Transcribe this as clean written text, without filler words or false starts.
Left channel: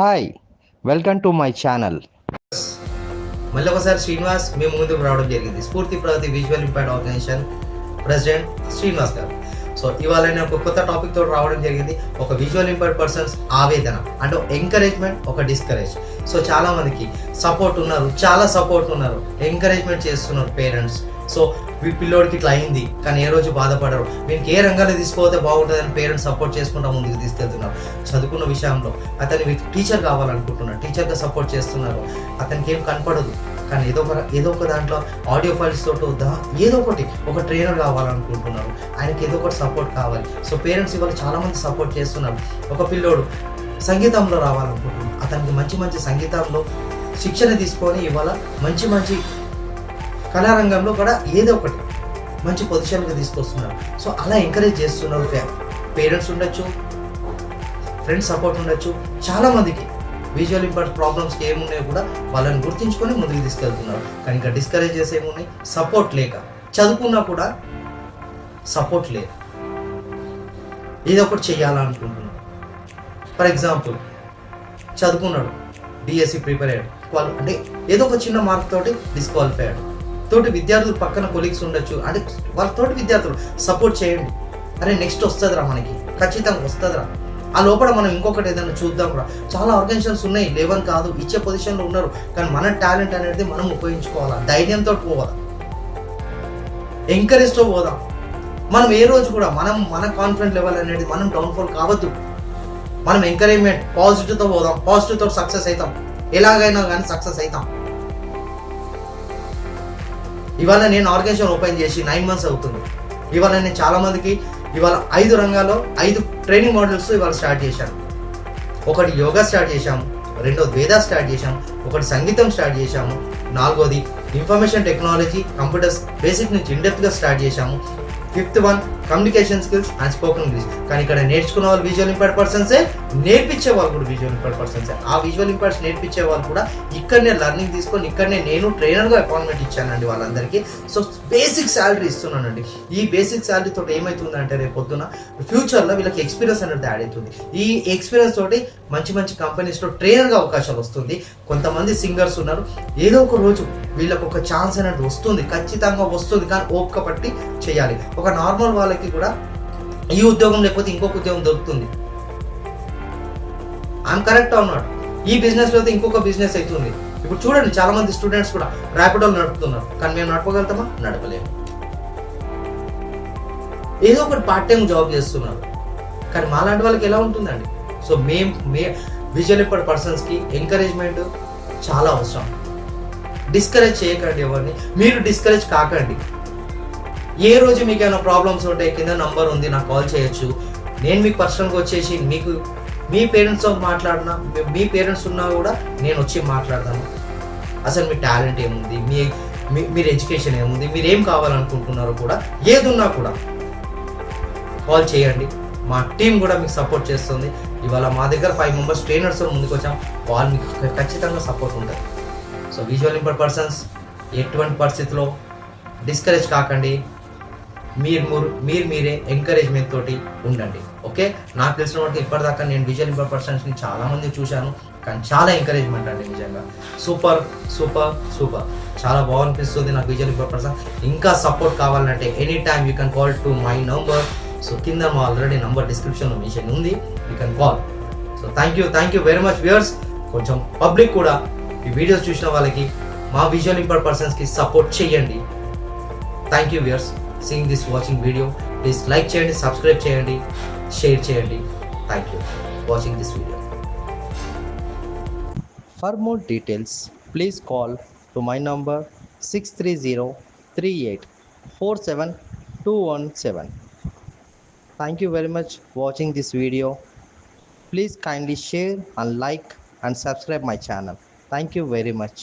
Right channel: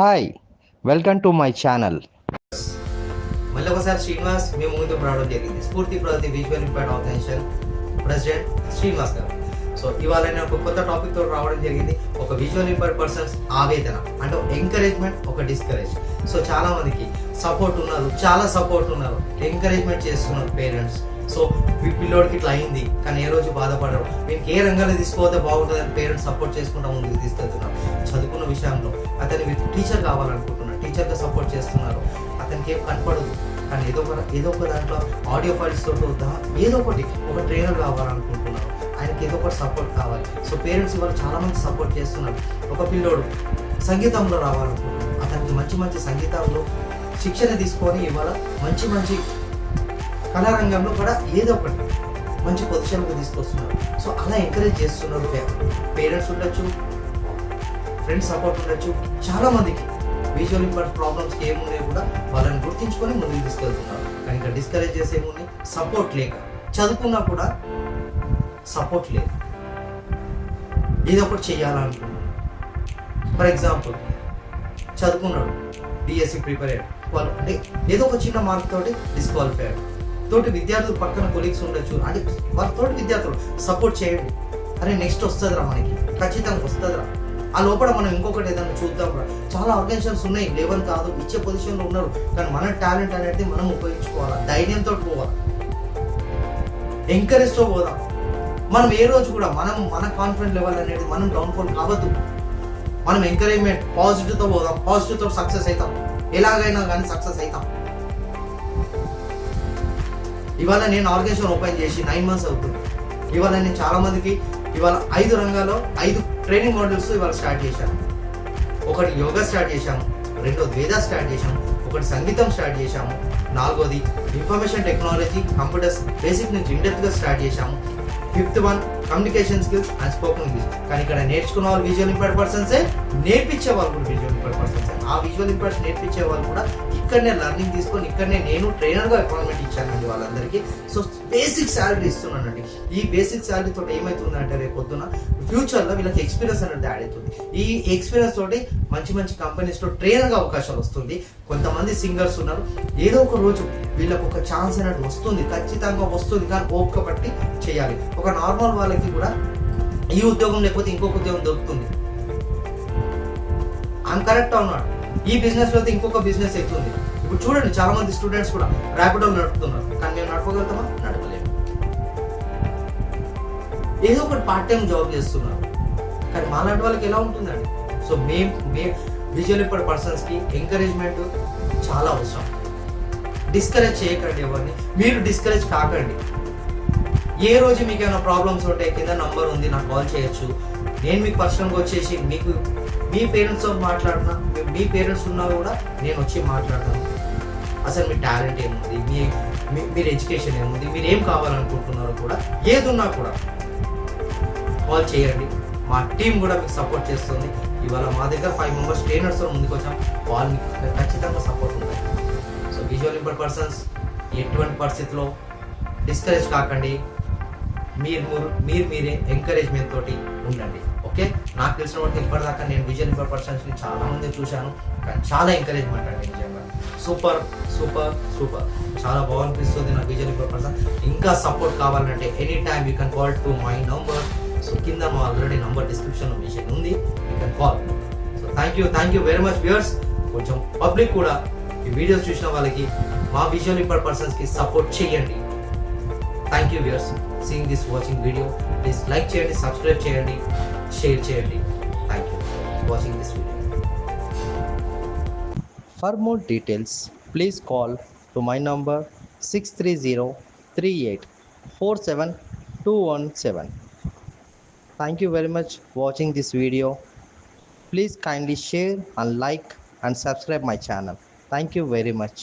Hi welcome to my channel. మళ్ళీ ఒకసారి శ్రీనివాస్ మేము ముందుకు రావడం జరిగింది. Spoorthi Pragathi visual impact organisation president Srinivas garu. So ఇవాళ నేను ఒక కొత్త టాపిక్ తోటి రావడం జరిగింది. ఒక విజువల్ ఇంపాక్ట్ పర్సన్స్ ఆవేదన అంటే ఎంకరేజ్మెంట్, ఒక డిస్కరేజ్. సో చాలా మందికి సపోర్ట్ ఉన్నారు, చాలా సపోర్ట్ ఉన్నారు, ఎంకరేజ్మెంట్ చేస్తున్నారు పేరెంట్స్. సో మీ పిల్లోడికి ఇట్లా అయింది కానీ ఏ రోజు బాధపడరు, మీకు ఏ రంగాల్లో తీసుకోతే బాగుంటుందని పేరెంట్స్ సపోర్ట్ చేసుకుంటా ముందుకు తీసుకెళ్తున్నారు. చదువుకున్న విషయంలో అతను మీకు టీచర్ కావాలనుకుంటున్నారు, టీచర్గా సపోర్ట్ చేస్తున్నారు. అతనికి ఏం కనపడదు కానీ ఏదో ఒక దాంట్లో ఆడియో ఫైల్స్ తోటి ఏదో ఒకటి ఒక ట్రైనర్ కావాలనుకుంటున్నారు, ఆయనకి ఏదో ఒకటి సపోర్ట్ కావాలి. సో పేరెంట్స్ ఇవాళ చాలామంది సపోర్ట్ చేస్తున్నారు. ఒక పిల్లోడు సంగీతంలో రావాలనుకుంటున్నారు, అతనికి మంచి మంచి సంగీతంలో శిక్షణ తీసుకొని ఇవాళ మంచి కళారంగంలో కూడా ఏదో ఒకటి మంచి పొజిషన్కి తీసుకొస్తున్నారు. సో అలా ఎంకరేజ్ చేస్తున్నారు. పేరెంట్స్ ఉండొచ్చు, ఫ్రెండ్స్ సపోర్ట్ ఉండొచ్చు. చాలామందికి విజువల్ ఇంపాక్ట్ ప్రాబ్లమ్స్కి ఏమున్నాయో కూడా వాళ్ళని గుర్తించుకొని ముందుకు తీసుకెళ్తున్నారు. కానీ ఇంకా డిస్కరేజ్ చేసే ఏమున్నాయి, సపోర్ట్ లేక, చదువుకున్నా కూడా సపోర్ట్ లేదు, ఏదో ఒకటి చేయాలనుకుంటున్నాడు. ఫర్ ఎగ్జాంపుల్ చదువుకున్నాడు, డిఎస్సి ప్రిపేర్ అయ్యాడు, వాళ్ళు అంటే ఏదో ఒక చిన్న మార్క్ తోటి డిస్క్వాలిఫై అయ్యాడు. తోటి విద్యార్థులు పక్కన కొలీగ్స్ ఉండొచ్చు, అంటే వాళ్ళతోటి విద్యార్థులు సపోర్ట్ చేయండి. అరే నెక్స్ట్ వస్తుందిరా, మనకి ఖచ్చితంగా వస్తుందిరా, ఆ లోపల మనం ఇంకొకటి ఏదైనా చూద్దాం రా. చాలా ఆర్గనైజేషన్స్ ఉన్నాయి, లేవని కాదు, ఇచ్చే పొజిషన్లో ఉన్నారు. కానీ మన టాలెంట్ అనేది మనం ఉపయోగించుకోవాలా, ధైర్యంతో పోవాలి, ఎంకరేజ్తో పోదాం. మనం ఏ రోజు కూడా మన కాన్ఫిడెంట్ లెవెల్ అనేది మనం డౌన్ఫాల్ కావద్దు. మనం ఎంకరేజ్మెంట్ పాజిటివ్తో పోదాం, పాజిటివ్తో సక్సెస్ అవుతాం, ఎలాగైనా కానీ సక్సెస్ అవుతాం. ఇవాళ నేను ఆర్గనైజేషన్ ఓపెన్ చేసి 9 months అవుతుంది. ఇవాళ నేను చాలామందికి ఇవాళ 5 రంగాల్లో 5 ట్రైనింగ్ మోడల్స్ ఇవాళ స్టార్ట్ చేశాను. ఒకటి యోగా స్టార్ట్ చేశాము, రెండోది వేదా స్టార్ట్ చేశాము, ఒకటి సంగీతం స్టార్ట్ చేశాము, 4వది ఇన్ఫర్మేషన్ టెక్నాలజీ కంప్యూటర్స్ బేసిక్ నుంచి ఇండెప్త్గా స్టార్ట్ చేశాము, 5th one communication skills and spoken English. కానీ ఇక్కడ నేర్చుకున్న వాళ్ళు విజువల్ ఇంపాక్ట్ పర్సన్సే, నేర్పించే వాళ్ళు కూడా విజువల్ ఇంపాక్ట్ పర్సన్సే. ఆ విజువల్ ఇంపాక్ట్స్ నేర్పించే వాళ్ళు కూడా ఇక్కడనే లర్నింగ్ తీసుకొని ఇక్కడనే నేను ట్రైనర్గా అపాయింట్మెంట్ ఇచ్చానండి వాళ్ళందరికీ. సో బేసిక్ శాలరీ ఇస్తున్నానండి. ఈ బేసిక్ శాలరీ తోటి ఏమవుతుందంటే రేపు పొద్దున ఫ్యూచర్లో వీళ్ళకి ఎక్స్పీరియన్స్ అనేది యాడ్ అవుతుంది. ఈ ఎక్స్పీరియన్స్ తోటి మంచి కంపెనీస్లో ట్రైనర్గా అవకాశాలు వస్తుంది. కొంతమంది సింగర్స్ ఉన్నారు, ఏదో ఒక రోజు వీళ్ళకి ఒక ఛాన్స్ అనేది వస్తుంది, ఖచ్చితంగా వస్తుంది. కానీ ఓపిక పట్టి చేయాలి. ఒక నార్మల్ వాళ్ళకి కూడా ఈ ఉద్యోగం లేకపోతే ఇంకొక ఉద్యోగం దొరుకుతుంది. ఐఎమ్ కరెక్ట్ అన్నాడు. ఈ బిజినెస్ అయితే ఇంకొక బిజినెస్ అవుతుంది. ఇప్పుడు చూడండి, చాలా మంది స్టూడెంట్స్ కూడా ర్యాపిడోలు నడుపుతున్నారు, కానీ మేము నడపగలుగుతామా? నడపలేము. ఏదో ఒకటి పార్ట్ టైం జాబ్ చేస్తున్నారు, కానీ మాలాంటి వాళ్ళకి ఎలా ఉంటుందండి? సో మే విజువల్ ఇంపాక్ట్ పర్సన్స్కి ఎంకరేజ్మెంట్ చాలా అవసరం. డిస్కరేజ్ చేయకండి ఎవరిని, మీరు డిస్కరేజ్ కాకండి. ఏ రోజు మీకు ఏమైనా ప్రాబ్లమ్స్ ఉంటే కింద నంబర్ ఉంది, నాకు కాల్ చేయొచ్చు. నేను మీకు పర్సనల్గా వచ్చేసి మీకు మీ పేరెంట్స్తో మాట్లాడినా, మీ పేరెంట్స్ ఉన్నా కూడా నేను వచ్చి మాట్లాడతాను. అసలు మీ టాలెంట్ ఏముంది, మీరు ఎడ్యుకేషన్ ఏముంది, మీరు ఏం కావాలనుకుంటున్నారో కూడా ఏది ఉన్నా కూడా కాల్ చేయండి. మా టీం కూడా మీకు సపోర్ట్ చేస్తుంది. ఇవాళ మా దగ్గర 5 members ట్రైనర్స్ ముందుకు వచ్చాం, వాళ్ళు మీకు ఖచ్చితంగా సపోర్ట్ ఉంటుంది. సో విజువల్ ఇంపాక్ట్ పర్సన్స్ ఎటువంటి పరిస్థితిలో డిస్కరేజ్ కాకండి, మీరే ఎంకరేజ్మెంట్ తోటి ఉండండి. ఓకే, నాకు తెలిసిన వాటి ఇప్పటిదాకా నేను విజువల్ ఇంపాక్ట్ పర్సన్స్ని చాలామంది చూశాను, కానీ చాలా ఎంకరేజ్మెంట్ అండి, నిజంగా సూపర్ సూపర్ సూపర్, చాలా బాగునిపిస్తుంది నాకు విజువల్ ఇంపాక్ట్ పర్సన్. ఇంకా సపోర్ట్ కావాలంటే any time you can call to my number. So కింద మా ఆల్రెడీ నంబర్ డిస్క్రిప్షన్లో మెన్షన్ ఉంది, you can call. So thank you very much viewers. కొంచెం పబ్లిక్ కూడా ఈ వీడియోస్ చూసిన వాళ్ళకి మా విజువల్ ఇంపాక్ట్ పర్సన్స్కి సపోర్ట్ చేయండి. Thank you viewers, seeing this watching video. Please like చేయండి, సబ్స్క్రైబ్ చేయండి, షేర్ చేయండి. Thank you watching this video. For more details, please call to my number 6303847 Thank you very much watching this video. Please kindly share and like and subscribe my channel. Thank you very much.